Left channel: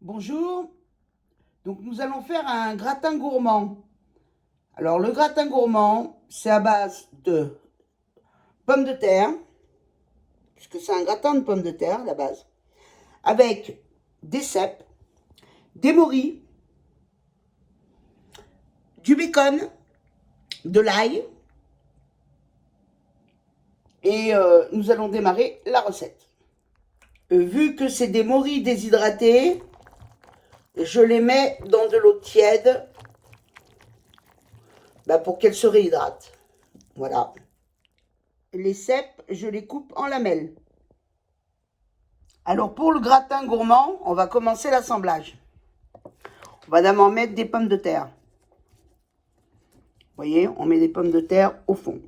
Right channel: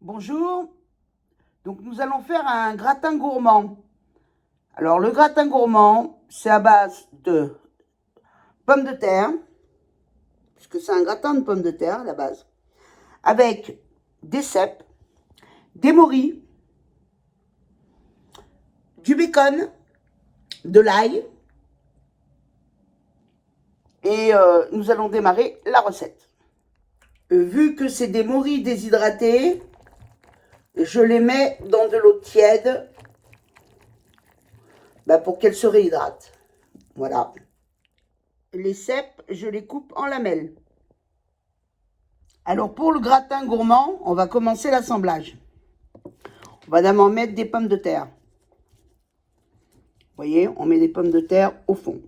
Bonjour, donc nous allons faire un gratin gourmand. Alors le gratin gourmand, c'est à base de pommes de terre, puisque c'est un gratin de pommes de terre à la base, avec des cèpes, des morilles, du bacon, de l'ail, et nous allons démarrer la recette. Vu que c'est des morilles déshydratées, je les mets dans de l'eau tiède pour qu'elles se réhydratent. Voilà. Les cèpes, je les coupe en lamelles. Alors pour le gratin gourmand, on va commencer l'assemblage. On va d'abord mettre des pommes de terre. Vous voyez, on met des pommes de terre au fond.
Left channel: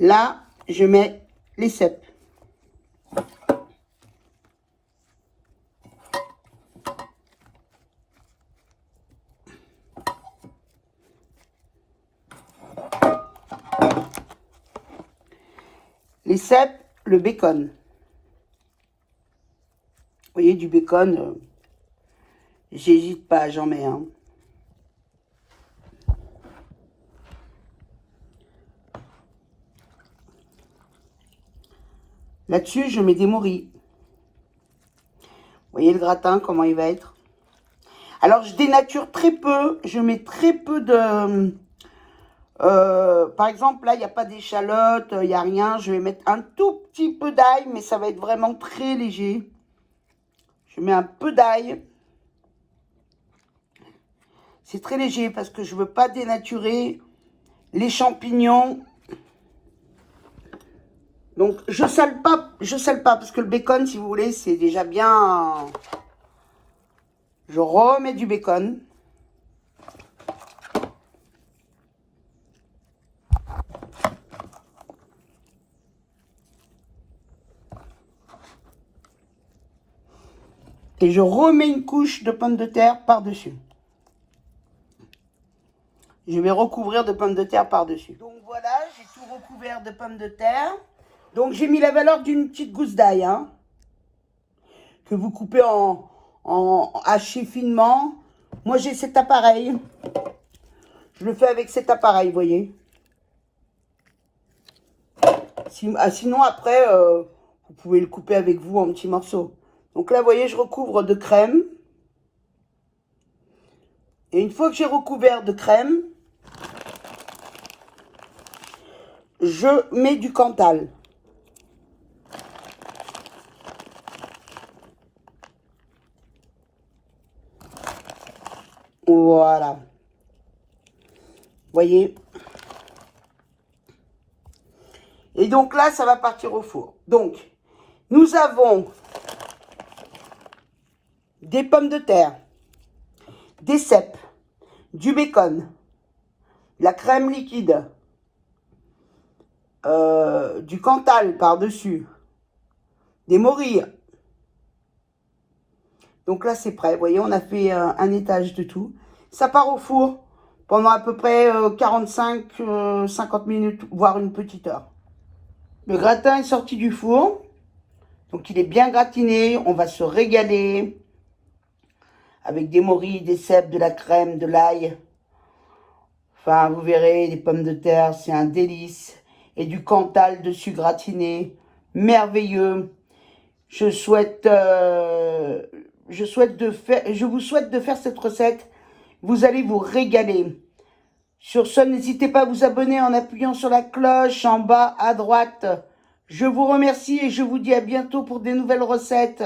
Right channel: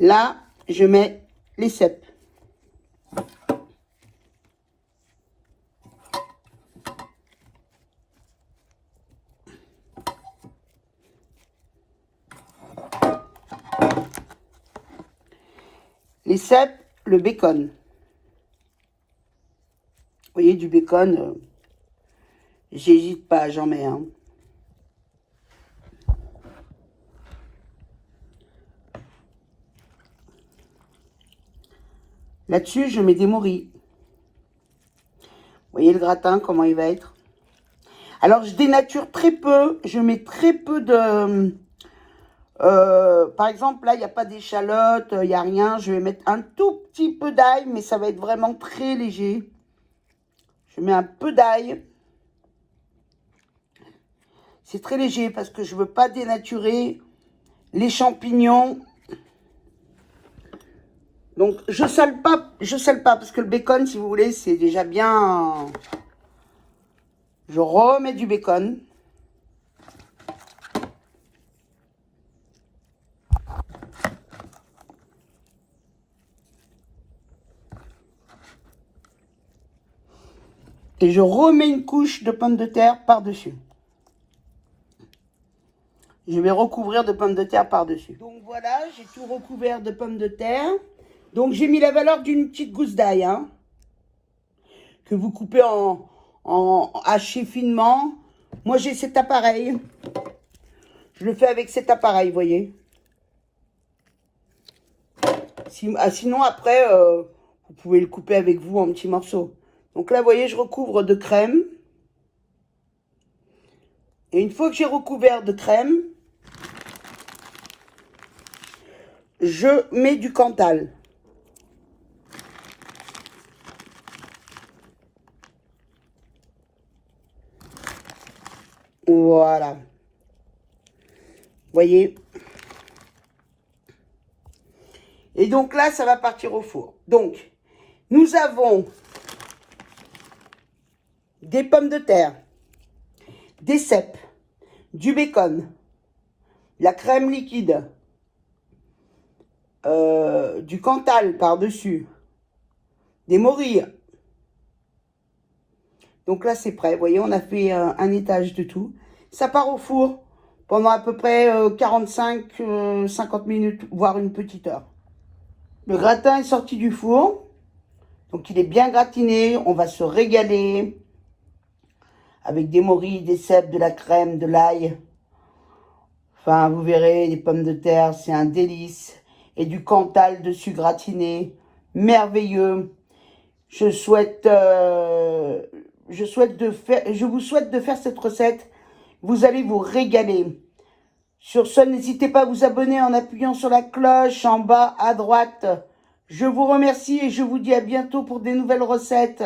Là, je mets les cèpes. Les cèpes, le bacon. Vous voyez, du bacon, j'hésite pas, j'en mets un. Là-dessus, je mets des morilles. Vous voyez le gratin, comment il va être. Alors, je dénature très peu. Je mets très peu de... par exemple, là, il n'y a pas d'échalote, il n'y a rien. Je vais mettre un tout petit peu d'ail, mais ça va être vraiment très léger. Je mets un peu d'ail. C'est très léger parce que je ne veux pas dénaturer les champignons. Donc, je sale pas parce que le bacon, si vous voulez, c'est déjà bien. Je remets du bacon. Et je remets une couche de pommes de terre par-dessus. Je vais recouvrir de pommes de terre par-dessus. Donc voilà, j'ai tout recouvert de pommes de terre. Donc j'ai mis la valeur d'une petite gousse d'ail, hein, que vous coupez en haché finement. Moi j'ai cet appareil. Je le fais avec cet appareil, vous voyez. Sinon après, vous pouvez le couper avec vous en petits morceaux. Donc là, vous voyez, je recouvre de crème. Et une fois que j'ai recouvert de crème, je mets du Cantal. Voilà. Vous voyez. Et donc là, ça va partir au four. Donc, nous avons des pommes de terre, des cèpes, du bacon, la crème liquide, du Cantal par-dessus, des morilles. Donc là, c'est prêt. Vous voyez, on a fait un étage de tout. Ça part au four pendant à peu près 45-50 minutes, voire une petite heure. Le gratin est sorti du four. Donc, il est bien gratiné. On va se régaler avec des morilles, des cèpes, de la crème, de l'ail. Enfin, vous verrez, les pommes de terre, c'est un délice. Et du Cantal dessus gratiné. Merveilleux. Je vous souhaite de faire cette recette. Vous allez vous régaler. Sur ce, n'hésitez pas à vous abonner en appuyant sur la cloche en bas à droite. Je vous remercie et je vous dis à bientôt pour des nouvelles recettes.